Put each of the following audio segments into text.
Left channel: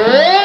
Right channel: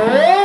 Música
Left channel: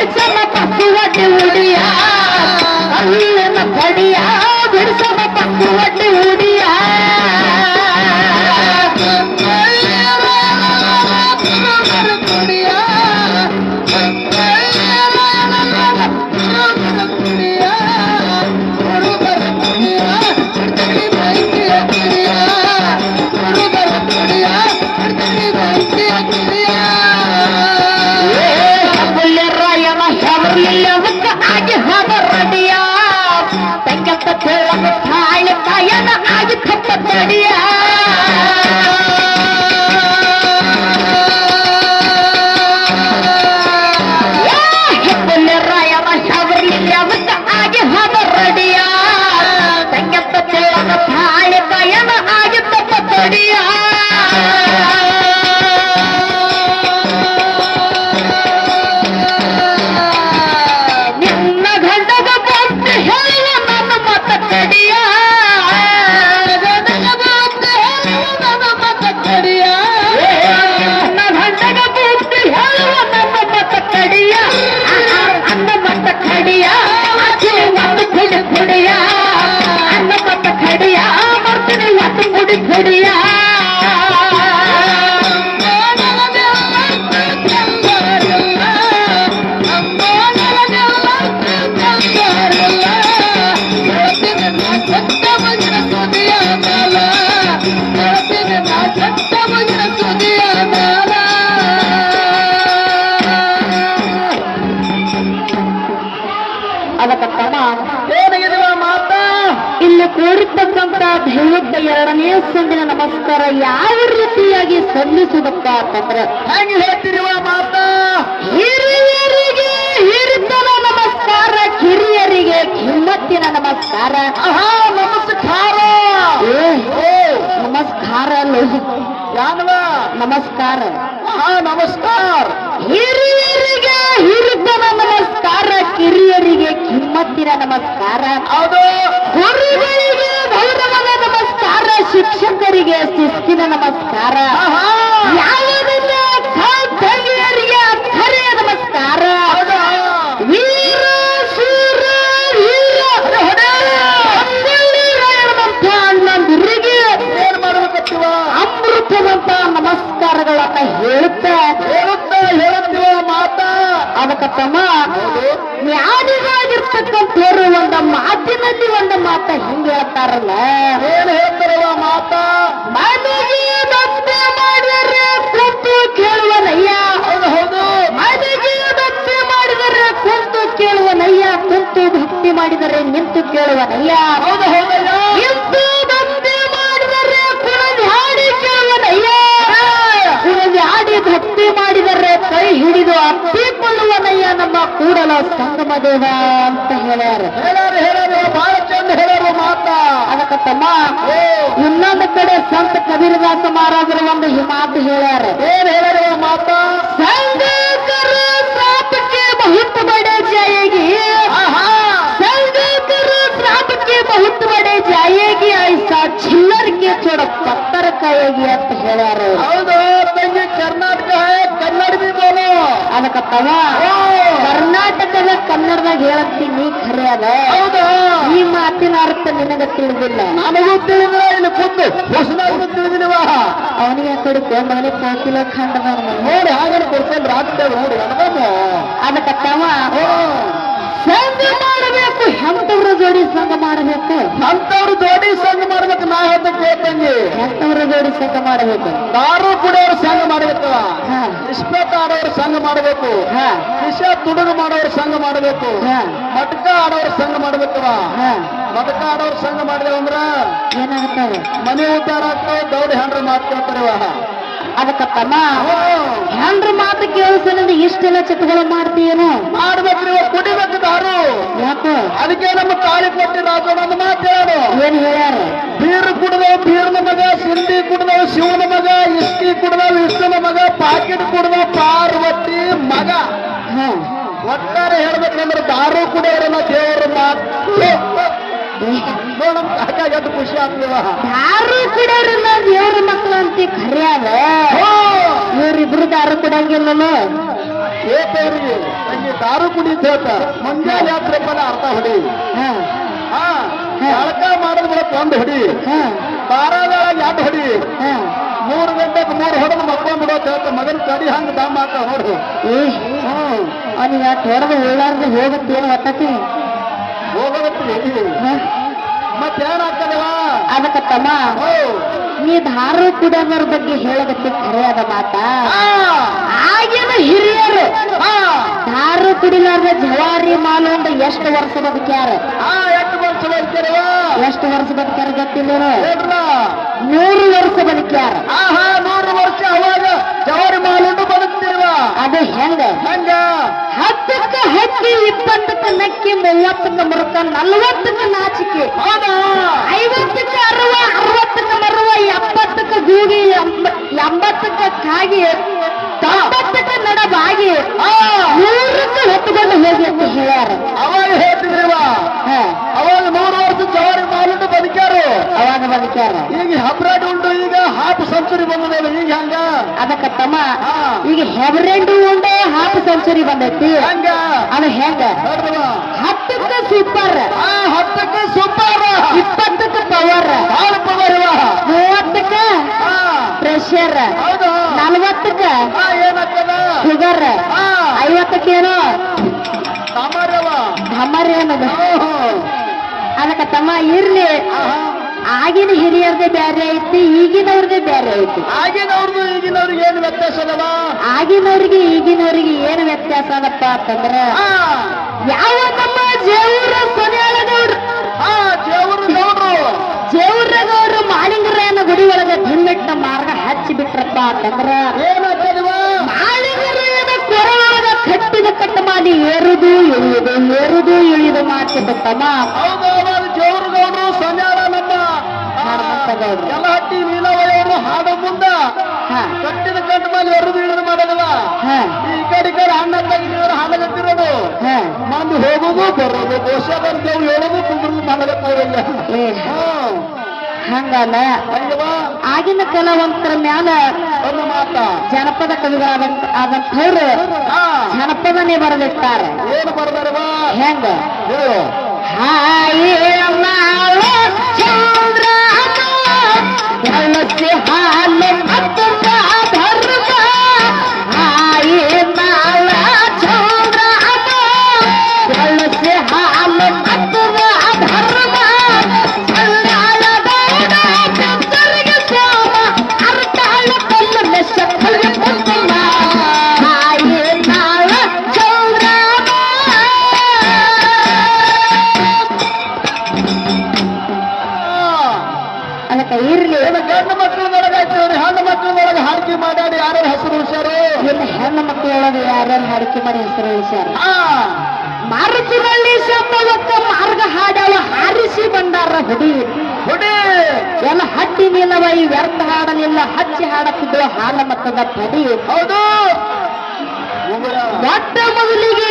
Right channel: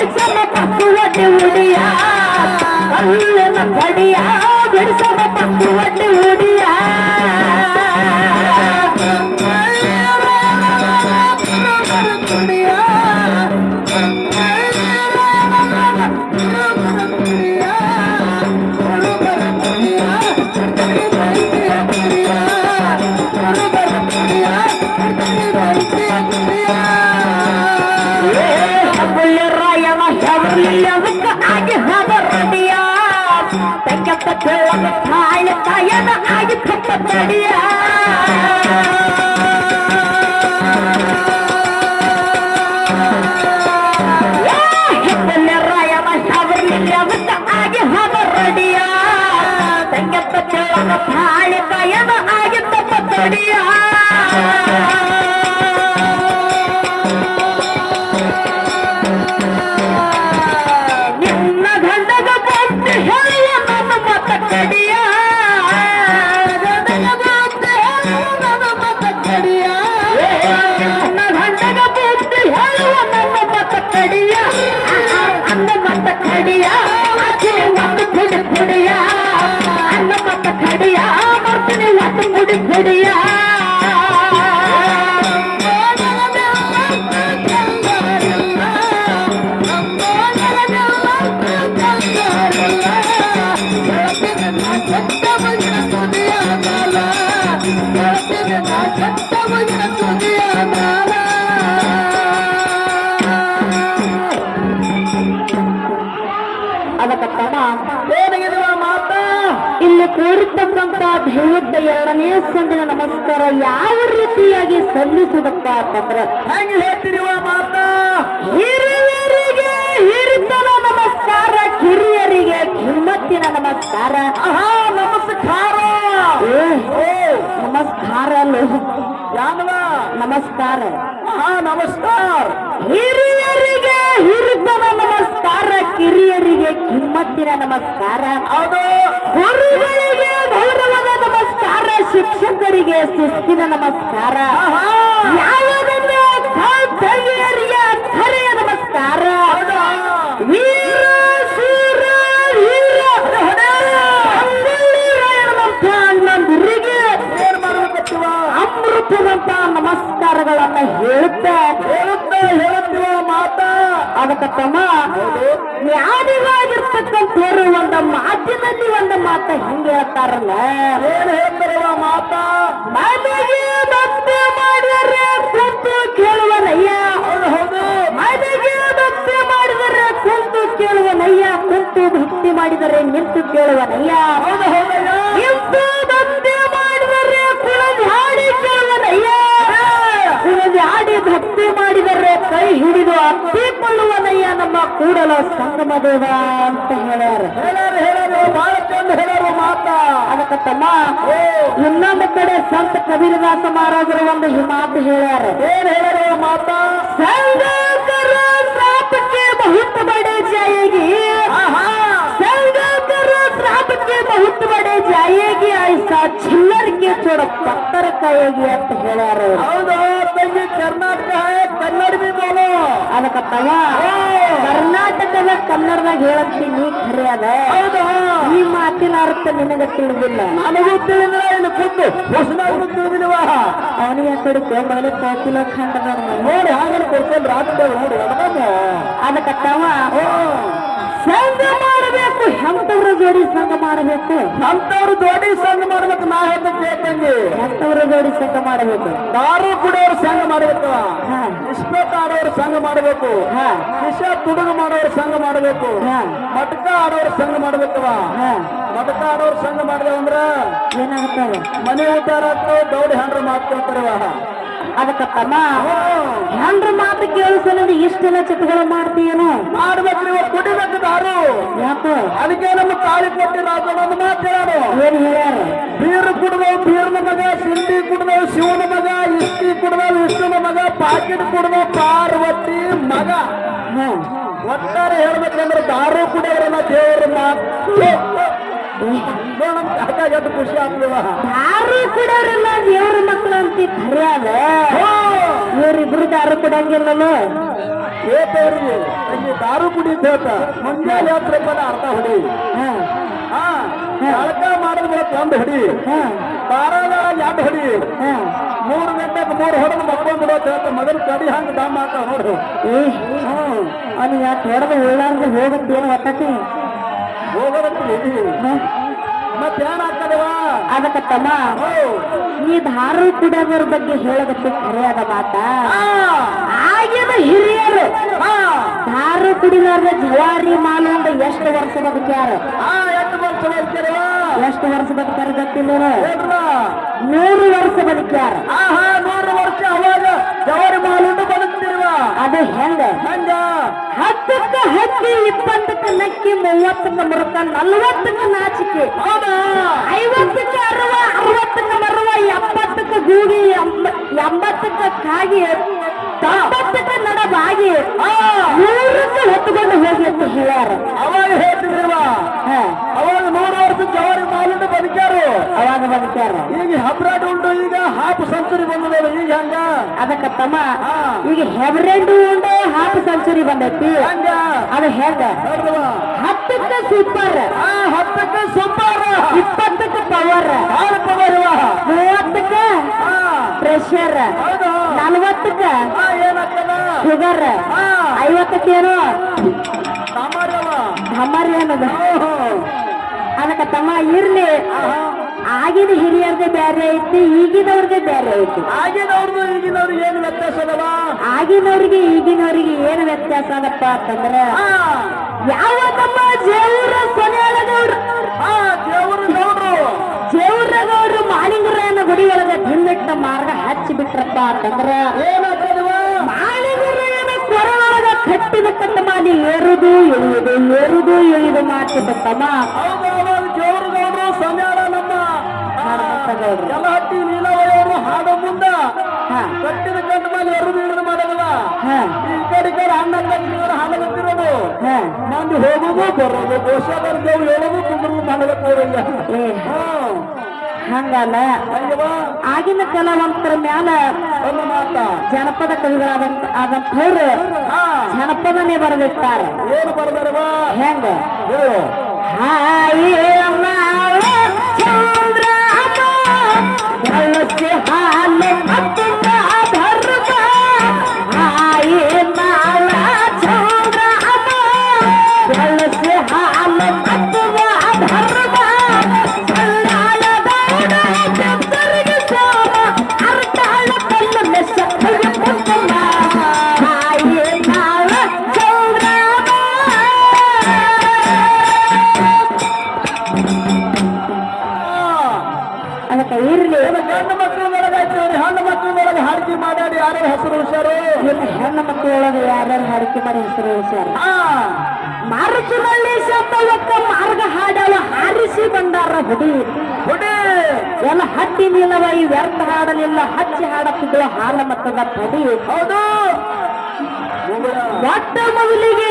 ಬಿಡ್ಸಮ ಪಕ್ಕುವಟ್ಟಿ Yeah. ಒಂದು ಯಾವ ರೀತಿಯಾಗಿ ಸಲ್ಲಿಸುವುದಕ್ಕ ಅಂತಂದ್ರೆ ಹೆಂಗ್ ಹೇಳ್ತಿರುವ ಮಾತ. ಹಿರಿಯರಿಗೆ ಹಿರಿತನ ನಮಸ್ಕಾರ ಕಿರಿಯರಿಗೆ ಕಿಮ್ಮತ್ತಿನ ನಮಸ್ಕಾರ. ಆಹಾ ನಮಸ್ಕಾರ. ನಮಸ್ಕಾರ ಯಾನವ. ನಮಸ್ಕಾರ. ಆಹಾ ನಮಸ್ಕಾರ. ಹಿರಿಯರಿಗೆ ಹಿರಿತನ ನಮಸ್ಕಾರ ಕಿರಿಯರಿಗೆ ಕಿಮ್ಮತ್ತಿನ ನಮಸ್ಕಾರ. ಅದು ಶಿಕ್ಷಕರಿಗೆ ಸುಸ್ಕಿನ ನಮಸ್ಕಾರ. ನಮಸ್ಕಾರ. ವೀರ ಶೂರ ವೀರ. ಅಮೃತವಂತ ನಮಸ್ಕಾರಗಳನ್ನ ಹೇಳುತ್ತಾ. ಹೇಳುತ್ತಾ ಮಾತಾ. ಅದಕ್ಕೆ ತಮ್ಮ ಒಂದು ಮಾತಿನಲ್ಲಿ ಒಂದು ಮಾತ ಹಿಂಗೆ ಹೇಳ್ತಾರಲ್ಲ. ಅತ್ತಿಪಳ್ಳಿಯನಯ್ಯ ನಮ್ಮ ಕೂಡಲ ಸಂಗಮ ದೇವ ಅಂತ ಹೇಳ್ಯಾರ ಹೇಳಾರು ಹೇಳಾರು ಬಹಳ ಚಂದ ಹೇಳಾರು ಮಾತ ಅದಕ್ಕೆ ತಮ್ಮ ಇನ್ನೊಂದು ಕಡೆ ಸಂತ ಕಬೀರದಾಸ ಮಹಾರಾಜರ ಒಂದು ಈ ಮಾತು ಹೇಳ್ಯಾರ ಏನ್ ಹೇಳಾರು ಮಾತ ಸಂಗಕರ ಸಾಪಕ್ಕೆ ಬಹುತ್ ಬಡೆ ಜಾಯೇಗಿ. ಸಂಗಕರ ಸಾಪಕ್ಕೆ ಬಹುತ್ ಬಡೆ ಜಾಯೇಗಿ. ಆಯ್ಸಾ ಚಿಲ್ಲರ್ಗೆ ಚೋಡ ಪತ್ತರ ಕಾಯೇಗಿ ಅಂತ ಹೇಳ್ಯಾರ ಹೌದು ತಂದೆ ಚರ್ಮ ಅದಕ್ಕತ್ತವ ಕರ್ನಾಟಕದ ಕನ್ನಡದಾಗ ಹೇಳತ್ತೀನಿ ಖರೆ ಅದ ಹೌದು. ಈ ಮಾತಿನ ಅರ್ಥ ನಿನಗ ತಿಳಿದಿಲ್ಲ. ನನಗೂ ತಿಳಿದಿಲ್ಲ ಇಲ್ಲಿ ಖುದ್ದು ಹೊಸದಾಗಿ ತಿಳಿದಿಲ್ವ ಅವನಿಗೆ ಆ ಕಡೆ ಕೊಂಡವನು ಕೋಕಿಲ ಖಂಡದ ನೋಡಿ ಹಾಗೆ ಕೊಡ್ಕೊಂಡು ರಾತ್ರಿ ನೋಡಿ ಅದಕ್ಕತ್ತವ ಸಂಘ ಮಾಡಬೇಕು ಎಂತವ್ರ ಜೋಡಿ ಸಂಘ ಮಾಡಬೇಕು. ಅಂತವ್ರು ಜೋಡಿ ಸಂಘ ಮಾಡ್ಬೇಕು ನಾ ಹೇಳ್ಬೇಕು ಕೇಳ್ತಂಗಿ ಅಂತವ್ರ ಜೋಡಿ ಸಂಘ ಮಾಡಬೇಕು. ದಾರು ಕುಡಿಯೋರು ಸಂಘ ಮಾಡಬೇಕು. ಇಸ್ಪೇಟ್ ಆಡೋರು ಸಂಘ ಮಾಡಬೇಕು. ವಿಷ ತುಡುಗು ಮಾಡೋರು ಸಂಘ ಮಾಡಬೇಕು. ಮಟ್ಕ ಆಡೋರು ಸಂಘ ಮಾಡ್ಬೇಕವ ಮಟ್ಕ ಆಡೋರು ಸಂಘ ಮಾಡಿದೆ ಅಂದ್ರ ಏನಾಗ್ತದೆ ಮನೆ ವಿಚಾರ ದೌಡಿ ಹಂಡ್ರ ಮಾಡ್ಕೊಳ್ತಾರವ ಅದಕ್ಕ ತಮ್ಮ. ಹೆಂಡ್ರ ಮಾತು ಕೇಳಿಸಲಿಂದ ಇಷ್ಟೆಲ್ಲ ಚಿತ್ರಗಳು ಮಾಡ್ತೀಯೇನು. ಮಾಡ್ಬೇಕ್ರಿ ಕುಡಿಬೇಕು ದಾರು. ಯಾಕೆ? ಅದಕ್ಕೆ ನಮ್ಮ ತಾಳಿ ಕೊಟ್ಟಿರಾಜ ಒಂದು ಮಾತು ಹೇಳು ಏನ್ ಹೇಳ್ಯಾರ? ಬೀರು ಕುಡ್ದವ್ ಬೀರ್ನ ಮಗ ಸಿಂಧಿ ಕುಡ್ದವ್ ಶಿವನ ಮಗ ಇಸ್ಕಿ ಕುಡ್ದವ್ ಇಷ್ಟನ ಮಗ ಪಾಕಿಟ್ ಕುಡ್ದವ್ ಪಾರ್ವತಿ ಮಗ. ಒಟ್ಟಾರೆ ಹೇಳ್ಬೇಕಂದ್ರೆ ದಾರು ಕುಡಿಯೋರನ್ನ ದೇವ್ರ ಮಾತು. ಕಾಕಾಗ ಖುಷಿ ಆಗ್ಲಿವ ದಾರು ಕುಡಿಯೋರನ್ನ ದೇವ್ರ ಮಕ್ಕಳು ಅಂತ ಖರೆ ಅದ ಇವ್ರಿಬ್ರು ದಾರು ಕುಡಂಗಿಲ್ಲಲ್ಲ. ಏತೇರಿ ತಂಗಿ ದಾರು ಕುಡಿದ್ ಹೇಳ್ತ ಮುಂಜಾನೆ ಯಾತ್ರೆ ಪದ ಅರ್ಥ ಹೊಡಿ. ಹ. ಹಾ ಜಳಕ ಮಾಡಿದ ಬಳಿಕ ಒಂದು ಹೊಡಿ. ಹ. ಬಾರಾದಾಗ ಎರಡು ಹೊಡಿ. ಹ. ಮೂರು ಗಂಟೆಗೆ ಮೂರು ಹೊಡೆದು ಮಕ್ಕೊಂಡ್ಬಿಡೋ ಹೇಳ್ತ ಮಗನ ಕಡಿ ಹಂಗೆ ದಮ್ ನೋಡ್ರಿ ಏ ಅವನಿಗೆ ಅನಿ ಹೊಡೆದು ಹೇಳಾರ್ದು ಹೋಗೋದಕ್ಕೆ ಮತ್ತೇನಾಗ್ತದವ ಅದಕ್ಕ ತಮ್ಮ ನೀ ಧಾರು ಕುಡಿಯೋದ್ರ ಬಗ್ಗೆ ಹೇಳೋದಕ್ಕೆ ಖರೆ ಅದ ಮಾತಾ. ಆ, ಆಗಿನ ಹಿರಿಯರು ದಾರು ಕುಡಿಲಾರ್ದ ಜವಾರಿ ಮಾಲಂದ ಎಷ್ಟು ವರ್ಷ ಬದುಕ್ಯಾರ ಎಷ್ಟು ವರ್ಷ ಬರ್ತೀರವ ಎಷ್ಟು ವರ್ಷ ಬದುಕ್ಯಾರ ಗೊತ್ತಿಲ್ಲ? ನೂರು ವರ್ಷ ಬದುಕ್ಯಾರ ನೂರು ವರ್ಷ ಅವಾಗ ಜವಾರಿ ಮಾಲುಂಡು ಬದುಕ್ತಿರುವ. ಅದು ಹೆಂಗ? ಹಂಗ? ಹತ್ತಕ್ಕ ಹಕ್ಕಿ ಇಪ್ಪತ್ತಕ್ಕ ನಕ್ಕಿ ಮೂವತ್ತಕ್ಕ ಮರುಕ ನಲ್ವತ್ತಕ್ಕ ನಾಚಿಕೆ. ಐವತ್ತಕ್ಕ ಅರವ ಅರವತ್ತಕ್ಕ ಮರವ ಎಪ್ಪತ್ತಕ್ಕ ಗೂಗಿ ಎಂಬ- ಎಂಬತ್ತಕ್ಕ ಕಾಗಿ ತೊಂಬತ್ತಕ್ಕ ನಡಬಾಗಿ ನೂರಕ್ಕೆ ಹೊತ್ತುಕೊಂಡು ಹೋಗಿ ಅಂತ ಹೇಳ್ಯಾರ ಅವಾಗ ಹೇಳ್ತಿದ್ರಿವ ಅವಾಗ ನೂರು ವರ್ಷ ಜವಾರಿ ಮಾಲುಂಡು ಬದುಕ್ಯಾರು. ಅವಾಗ ಬದುಕ್ಯಾರ. ಈಗ ಹಬ್ರಾಟ್ ಉಂಟು ಈಗ ಹಾಫ್ ಸೆಂಚುರಿ ಬಂದಿದೆ ಈಗ ಹಂಗ. ಅದಕ್ಕ ತಮ್ಮ ಈಗ ಹೆಬರೆಂಡು ಒಂದೇ ಹಾಫ್ ಸೆಂಚುರಿ ಬಂದೈತಿ. ಅದು ಹೆಂಗ ಹತ್ತಕ್ಕೆ ಸೂಪರ್ ಆ ಹತ್ತಕ್ಕೆ ಸೂಪರ್ ಇಪ್ಪತ್ತಕ್ಕೆ ಪವರ್ ಪವರ್ ಮೂವತ್ತಕ್ಕೆ ಪ್ರೆಷರ್ ನಲವತ್ತಕ್ಕ ಶುಗರ್ ಐವತ್ತಕ್ಕೇನೋ? ಢಮರಿ ಅನ್ನೋದು. ಅದಕ್ಕ ತಮ್ಮ ಇರ್ಲಿ. ಆಗಿನ ಹಿರಿಯರ್ದೇ ಬೇರೆ ಐತಿ ಈಗಿನವ್ರದೇ ಬೇರೆ ಐತಿ. ಆಗಿನವ್ರದ್ದು ಈಗಿನವ್ರಿಗೆ ಏನು ವ್ಯತ್ಯಾಸ ಅದ ಆಗಿನವ್ರಿಗೆ ಈಗಿನವ್ರಿಗೆ ಏನು ವ್ಯತ್ಯಾಸ ಅದಪ್ಪ ಅಂತಂದ್ರ ಯಾವ ನಮ್ಮ ಜೇವೂರ ಸೊನ್ಯಾಳಗೌಡ್ರು? ಆ, ಜೇವರು ಗೌಡ್ರು ಜೇವೂರಗೌಡ್ರು ಮಾಳಿಂಗರಾಯನ ಗುಡಿ ಒಳಗ ಧಿಮ್ಮಿಟ್ಟ ಮಾರ್ಗ ಹಚ್ಚಿ ಬಿಟ್ರಪ್ಪ ಅಂತಂದ್ರ ಏನಾಗ್ತದವ ಮಾಳಿಂಗರಾಯನ ಕೆರೆ ಒಳಗ ಕಟ್ಟಿದ ಕಟ್ಟ ಮಾಡಿ ಏರುದು ಇಳಿಯುದು ಏರುದು ಇಳಿದು ಮಾಡ್ತಿದ್ದಮ್ಮ ಹೌದು ಅವಾಗ ಗೌಡ ಗೌಡ್ರು ಸನ್ಯಾಳ ನಮ್ಮ ಹನುಮಂತಗೌಡ್ರು. ಮೇಲೆ ಎರುದು ಇಳಿದು ಮಾಡೋದವ? ಈ ಕಡೆ ಈ ಕಡೆ ಹಾಡಗತ್ತಿರೋದು ಹಾ. ಮಂದಿ ಹೋಗೋದು ಬರೋದು ದೋಷ ಅಂತೇಳಿ ಹೇಳೋದು ಕುದುರು ಮಾಡಬೇಕು ಅವರಿಗೆ ಏ ಹಂಗಲ್ಲ. ಆಗಿನ ಕಲಾವಂತರ ಮ್ಯಾಲ ಒಂದು ಮಾತ. ಜನಪದ ಕವಿಗಳಾದಂತ ಆದಂಥವ್ರು ಹಾ. ಜನಪದನೇ ಬರೆದಿರ್ತಾರೆ ಏನು ಬರ್ದಾರವ ಹೆಂಗ? ಹಾ ಹಾಯೇ ಗಂಡು ಮಕ್ಕಳದೊಳಗೆ ಐತೆ ಹೆಣ್ಣು ಮಕ್ಕಳೊಳಗೆ ಹಾಡಿಕೆ ಮಾಡಾಡಿ ಯಾರ್ಯಾರು ಹೆಸರು ಇನ್ನು ಹೆಣ್ಣು ಮಕ್ಕಳೊಳಗೆ ಯಾರ್ಯಾರು ಹಾಡಿಕೆ ಮಾಡಿ ಹೆಸರು ಹೇಳ್ಸ್ಯಾರ ಹಾ ಮಾರುತಿನಲ್ಲಿ ಶಬ್ದವಕ್ಕ ಮಾರ್ಗ ಹಾಡವ ಹಾರಿಸಿ ಬಂದಾರ ಹುಡಿ. ಹುಡಿ. ಎಲ್ಲ ಹಟ್ಟಿ ನಿಲ್ಲವ ಈ ವ್ಯರ್ಥ ಹಾಡಲಿಲ್ಲ ಹಚ್ಚಿ ಹಾಡುತ್ತಿದ್ದ ಹಾಲ ಮತ್ತದ ಪಡಿ. ಹೌದು. ಒಟ್ಟ ಮೊದಲಿಗೆ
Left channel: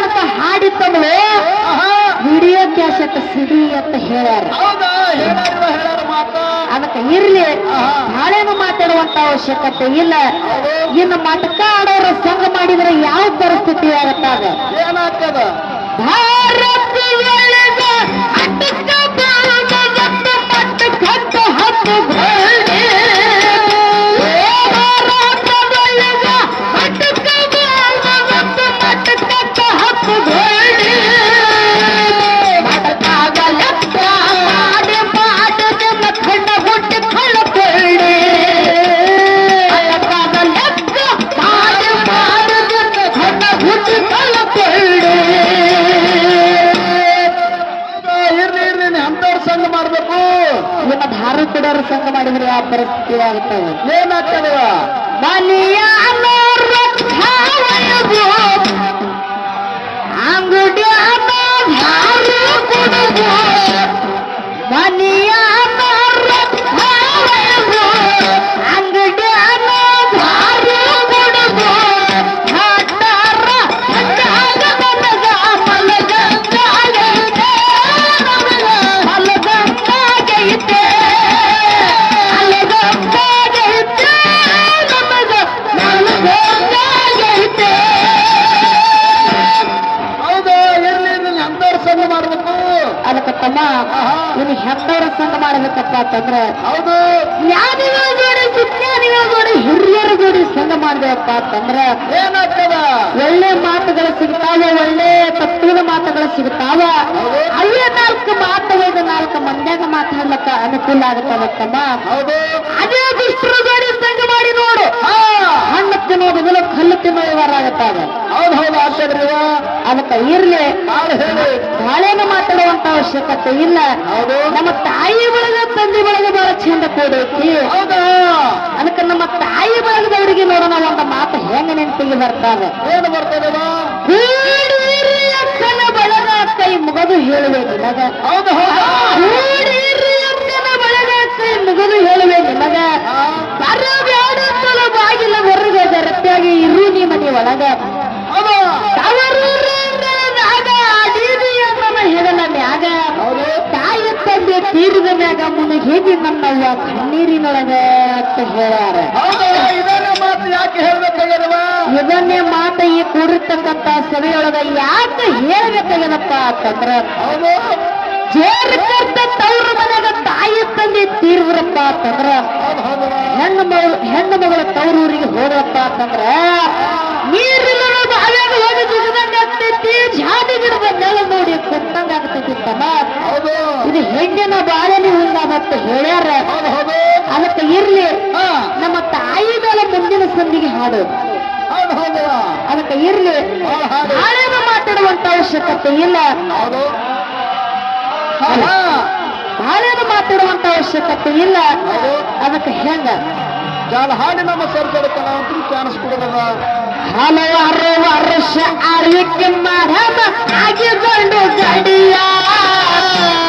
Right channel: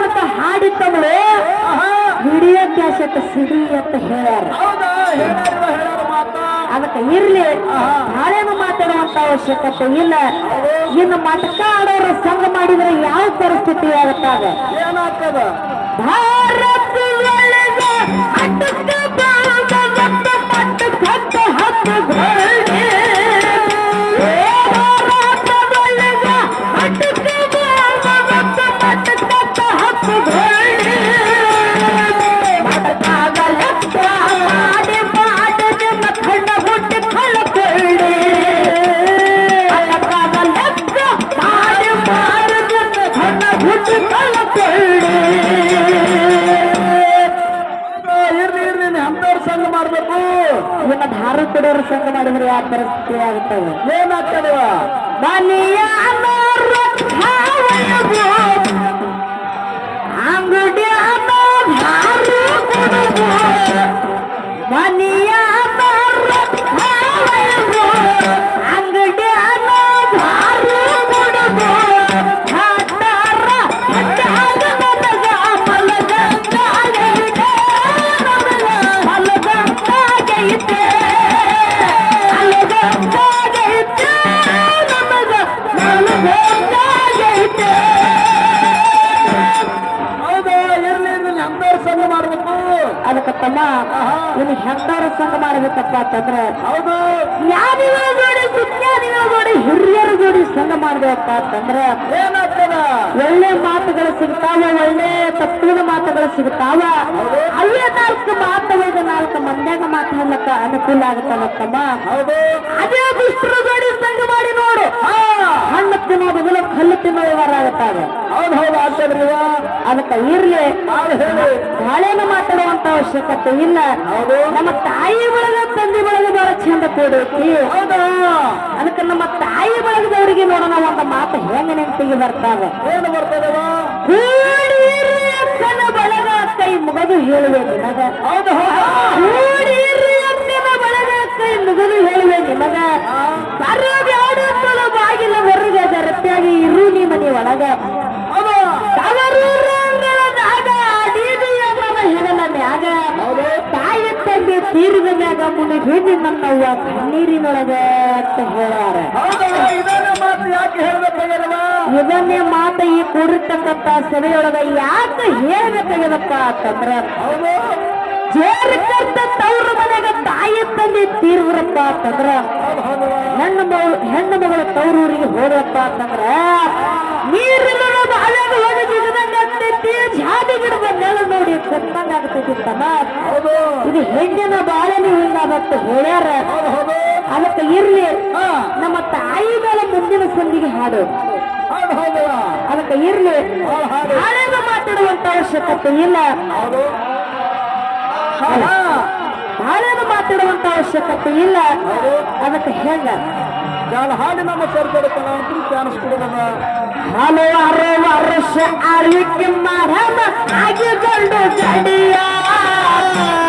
ಅಂತ ಹಾಡಿತ್ತವಳು? ಆಹಾ. ವಿಡಿಯೋ ಕ್ಯಾಸೆಟ್ ಸಿಡಿ ಅಂತ ಹೇಳ್ಯಾರ. ಹೌದಾ? ಹೇಳಾರ ಇರಲಿ. ನಾಳೆನು ಮಾತಾಡುವಂತ ಅವಶ್ಯಕತೆ ಇಲ್ಲ. ಇನ್ನು ಮಟಕ ಆಡೋರ ಸಂಘ ಮಾಡಿದ್ರೆ ಯಾವ ಪರಿಸ್ಥಿತಿ ಆಗುತ್ತಾಗ ಏನಾಗ್ತದ? ಭಾರತದೊಳಗ ಅವಶ್ಯಕತೆ ಇಲ್ಲ. ನಮ್ಮ ತಾಯಿ ಬಳಗ ತಂದೆ ಬಳಗ ಬಹಳ ಚಂದ ಕೂಡೈತಿ ಹೌದಾ. ಅದಕ್ಕೆ ನಮ್ಮ ತಾಯಿ ಬಳಗದವರಿಗೆ ನೋಡೋಣ ಒಂದು ಮಾತು ಹೆಂಗ ನೆನಪಿಗೆ ಬರ್ತಾವೆ. ಏನು ಬರ್ತದೆ ಕೂಡಿರಿ ಅಕ್ಕನ ಬಳಗ ಕೈ ಮುಗದು ಹೇಳುವೆ ನಿನಗ ಹೌದು ಹೌದು. ಕೂಡಿರಿ ಅಕ್ಕನ ಬಳಗ ಕೈ ಮುಗದು ಹೇಳುವೆ ನಿನಗ ಬರಬ್ಯಾಡುತ್ತಲ ಬಾಗಿಲ ಹೊರಗೆ ಜರಪ್ಯಾಗಿ ಇರು ನೀ ಮನೆ ಒಳಗ. ತೀರಿದ ಮ್ಯಾಗ ಮುಳುಗಿ ನನ್ನವ್ವ ಕಣ್ಣೀರಿನೊಳಗ ಅಂತ ಹೇಳ್ಯಾರ. ಹೌದು ಇದನ್ನ ಮಾತು ಯಾಕೆ ಹೇಳ್ಬೇಕಾಗ್ಯದವ? ಇದನ್ನೇ ಮಾತ ಈ ಕೂಡಿರ್ತಕ್ಕಂತ ಸಭೆಯೊಳಗ ಯಾಕೆ ಹೇಳ್ಬೇಕಾಗದಪ್ಪ ಅಂತಂದ್ರ ಹೌದು. ಜೇರ್ ತೌರು ತವ್ರ ಮನೆಗ ತಾಯಿ ತಂದೆ ತೀರ್ವ್ರಪ್ಪ ಅಂತಂದ್ರ ಹೆಣ್ಣು ಮಗಳು ಹೆಣ್ಣು ಮಗಳ ತವರೂರಿಗೆ ಹೋದ್ರಪ್ಪ ಅಂತಂದ್ರ ಇದು ಹೆಣ್ಣಿನ ಬಾಳಲಿ ಮತ್ತೆ ಹೇಳ್ಯಾರ. ಅವತ್ತು ಅದಕ್ಕೆ ಇರ್ಲಿ. ನಮ್ಮ ತಾಯಿ ಮೇಲೆ ಮುಂದಿನ ಸಂದಿಗೆ ಹಾಡು. ಅದಕ್ಕೆ ಇರ್ಲಿ. ಹೌದು ಹಾಡು. ಹಾಳೆದ ಮಾತಾಡುವಂತ ಅವಶ್ಯಕತೆ ಇಲ್ಲ. ಹೌದು. ಹಾ ಹಾ. ಹಾಳೆದ ಮಾತಾಡುವಂತ ಅವಶ್ಯಕತೆ ಇಲ್ಲ. ಅದಕ್ಕೆ ಹೆಂಗ ಯಾವ ಹಾಡಿ ನಮ್ಮ ಸೇರ್ಕೊಳ್ತಾನ ಅಂತ ಚಾನ್ಸ್ ಹಲವಾರು ವರ್ಷ ಆಳ್ವಿಕೆ ಮಾಡಮ ಆಗಿಕೊಂಡು ಗಡಿಯ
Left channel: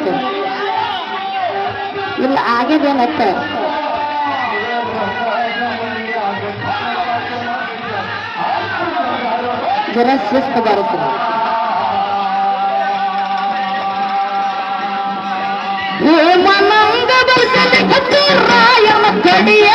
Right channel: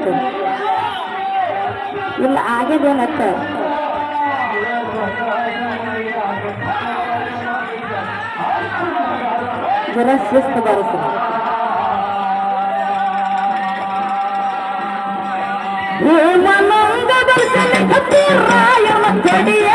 ಕರಿಬೇಕು ಇಲ್ಲ ಆಗಿದೇನತ್ತ ಜರ ಶಿಸ್ತು ಬರುತ್ತೆ ಹೇಮನಂದ ದರ್ಶನಕ್ಕೆ ರಾಯನ ಕಡಿಯ